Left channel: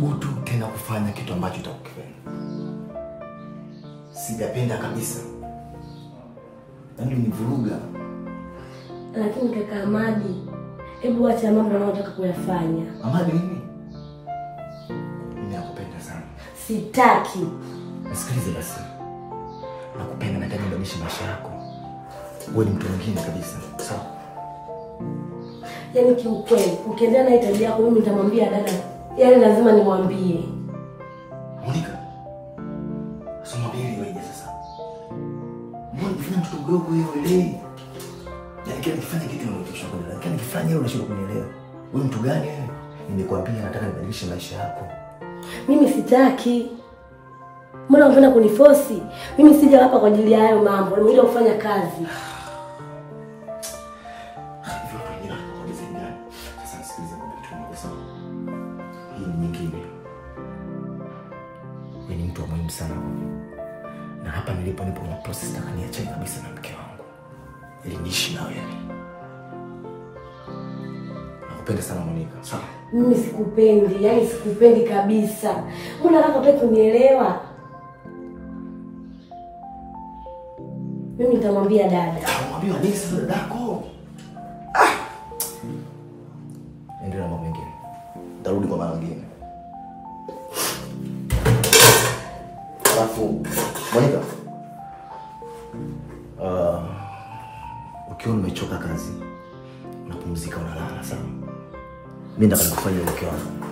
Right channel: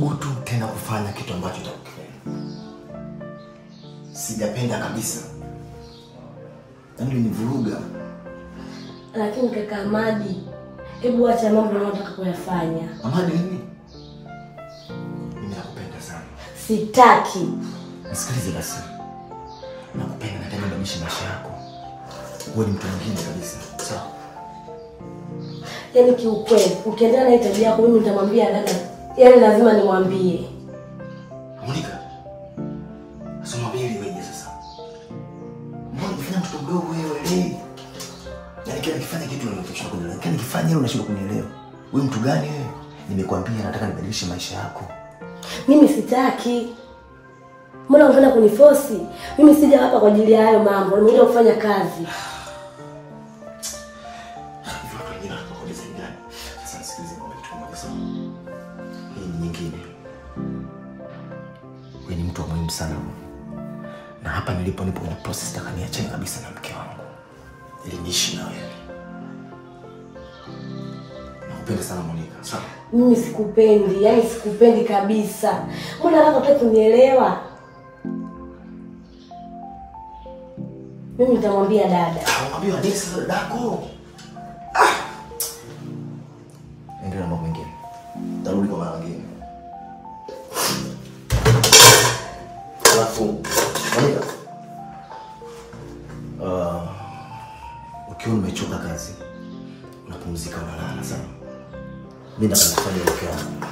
usithubutu tena kufanya kitu ambacho utakifanya. Sijapenda kabisa. Yaani univuruga. Lakini kaka Ahmadi, hebu acha mambo unayotaka kuyafanya. Ahmadi nini? Mimi nakupenda sana. Sitaki. Nisikilize basi. Nakupenda na nataka nibadilishe maisha yako. Wewe ni mtu mwingine kabisa. Sawa? Yaani kiukweli, ukiendelea na tabia yako mimi nitamwambia dada. Yaani lazima nimwambie. Monica. Asoma bili wewe sasa. Mbona unafanya mtoto mdogo wewe? Yaani kile nikifanya kitu unatosha kunielewa. Yaani nikifanya hilo unashindwa kunielewa. Wewe mtu gani wewe? Nimekwambia nataka nibadilishe maisha yako. Mimi sitaki. Mbona unataka kuniforce? Mimi sija hapa kwa ajili ya hayo mambo. Nimekuja kufanya kazi. Hivyo watu wengine wanakuuliza ngani? Sasa nisikilize kwa mtu mmoja sawa. Hii ni nyingine. Wewe ni mtu wa muhimu sana. Na hapa nipo kwenye process nataka niache kabisa na mke wangu. Ili niishi na wewe. Nakupenda sana Monica. Sawa? Mimi sikupendi, yani sikupendi kabisa. Mbona unataka kunielewa? Mimi nitamwambia dada. Mwambie nini sasa dadako? Endelea na mambo mengine. Tarudi kwa mara nyingine. Alafu Monica. Ukiwa umechoka kazi, unapumzika unalala sawa? Mimi nataka kufanya mke wangu.